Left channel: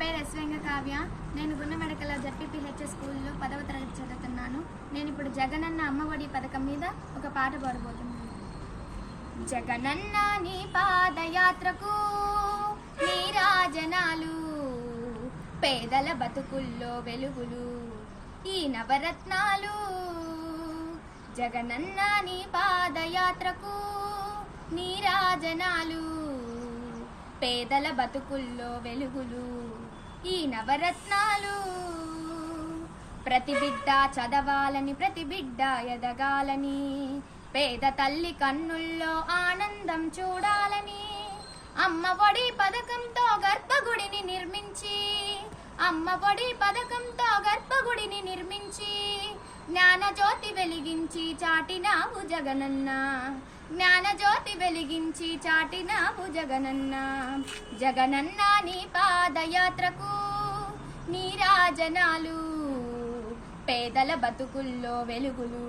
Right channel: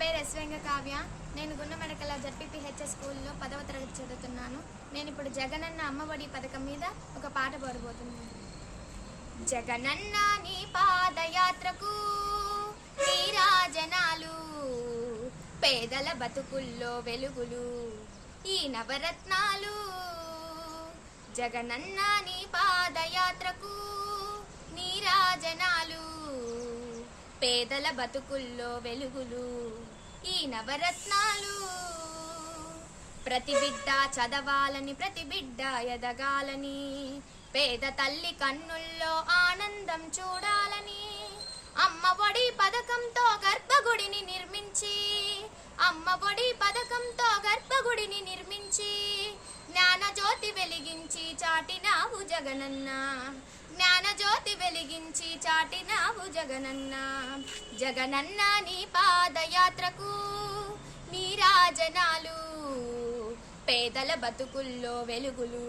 పేరు ఎస్వేంగ కావ్య. నేను గుండెమెడకల జడ్పీపీహెచ్ఎస్ స్కూల్లో 10వ తరగతి చదువుతున్నాను. నేను ఇప్పుడు జగనన్న అమ్మఒడి పథకం మీద ఒక పాట పాడబోతున్నాను. జగనన్న నీ పాదయాత్రకు నీరాజనాలు, పేదల బతుకుల్లో వెలుగులు ఈ నవరత్నాలు. జగనన్న నీ పాదయాత్రకు నీరాజనాలు, పేదల బతుకుల్లో వెలుగులు ఈ నవరత్నాలు. ప్రతి బిడ్డ చదవాలని, ప్రతి బిడ్డ ఎదగాలని, పేద తల్లి కన్నుల్లో ఆనందం చూడాలని, అమ్మ ఒడి పథకంతో గర్భగుడిని నిర్మించి, అమ్మ ఒడి పథకంతో గర్భగుడిని నిర్మించి, జ్ఞానజ్యోతి వెలిగించి చాటినావు జగనన్న, జ్ఞానజ్యోతి వెలిగించి చాటినావు జగనన్న. జగనన్న నీ పాదయాత్రకు నీరాజనాలు, పేదల బతుకుల్లో వెలుగులు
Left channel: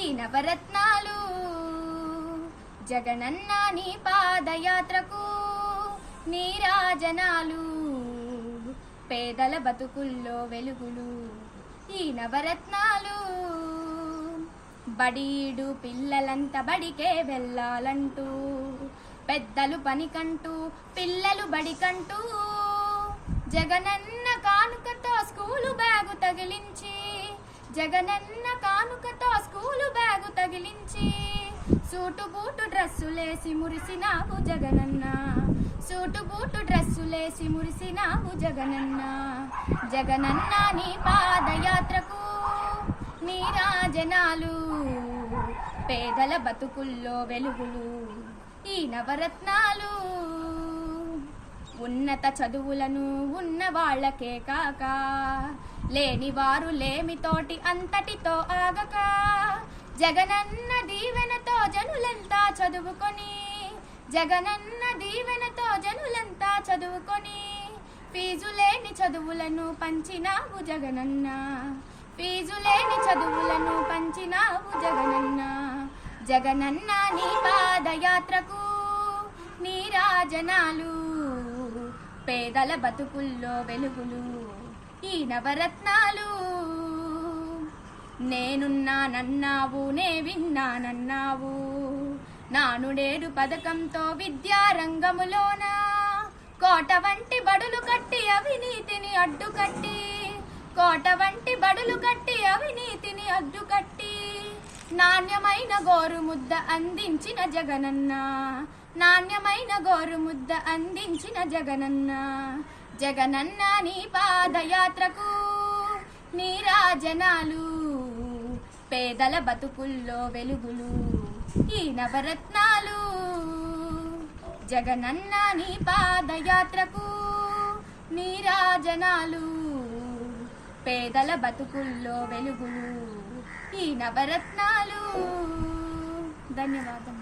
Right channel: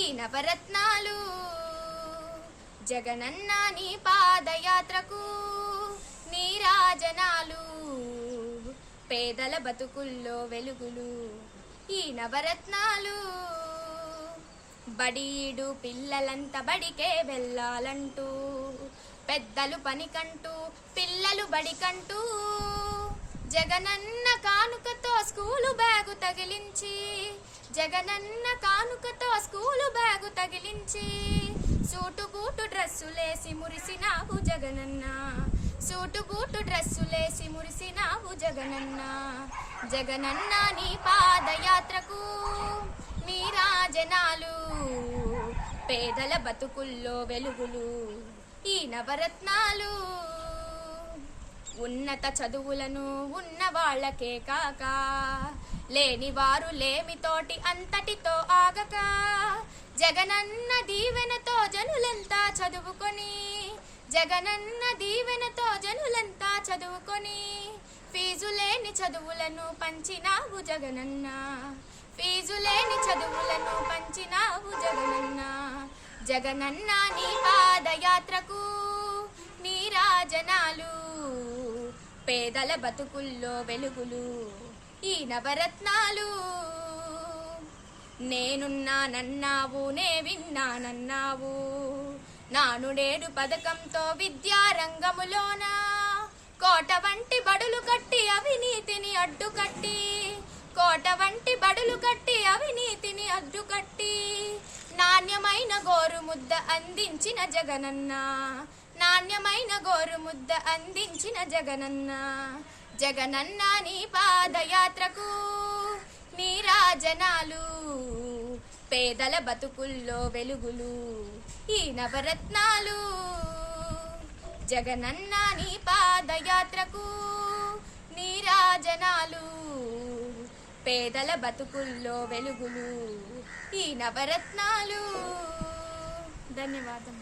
ఈ నవరత్నాలు. జగనన్న నీ పాదయాత్రకు నీరాజనాలు, పేదల బతుకుల్లో వెలుగులు ఈ నవరత్నాలు. బడీడు పిల్లలంతా బడికే వెళ్ళాలంటూ, పెద్దలు పనికంటూ పిల్లలు బడికంటూ, జగనన్న కానుకతో స్కూలు బ్యాగు తగిలించి, జగనన్న కానుకతో స్కూలు బ్యాగు తగిలించి, సూటు బూటు డ్రెస్సులేసి మురిసినావు జగనన్న, సూటు బూటు డ్రెస్సులేసి మురిసినావు జగనన్న. జగనన్న నీ పాదయాత్రకు నీరాజనాలు, పేదల బతుకుల్లో వెలుగులు ఈ నవరత్నాలు. ఉన్నత చదువులను ఉన్న వాళ్ళకే కాక, లేని వారు లేమితోటి అంతటితో ఆగక, జగనన్న దీవెనతో జనులంతా చదువుకొని, జగనన్న దీవెనతో జనులంతా చదువుకొని, ఫీజు లేని చదువులను పంచినావు జగనన్న, ఫీజు లేని చదువులను పంచినావు జగనన్న. జగనన్న నీ పాదయాత్రకు నీరాజనాలు, పేదల బతుకుల్లో వెలుగులు ఈ నవరత్నాలు. నేనున్నానన్నావు, నే విన్నానన్నావు, నానుడేడు పథకంతో విద్యారంగములోన కోట వంటి బడులు కట్టి అవినీతిని అడ్డుకట్టి, కోట వంటి బడులు కట్టి అవినీతిని అడ్డుకట్టి, నాణ్యమైన గోరుముద్ద అందించిన జగనన్న, నాణ్యమైన గోరుముద్ద అందించిన జగనన్న. జగనన్న నీ పాదయాత్రకు నీరాజనాలు, పేదల బతుకుల్లో వెలుగులు ఈ నవరత్నాలు. జగనన్న నీ పాదయాత్రకు నీరాజనాలు, పేదల బతుకుల్లో వెలుగులు ఈ నవరత్నాలు. ధన్యవాదం.